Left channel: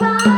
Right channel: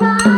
Bye.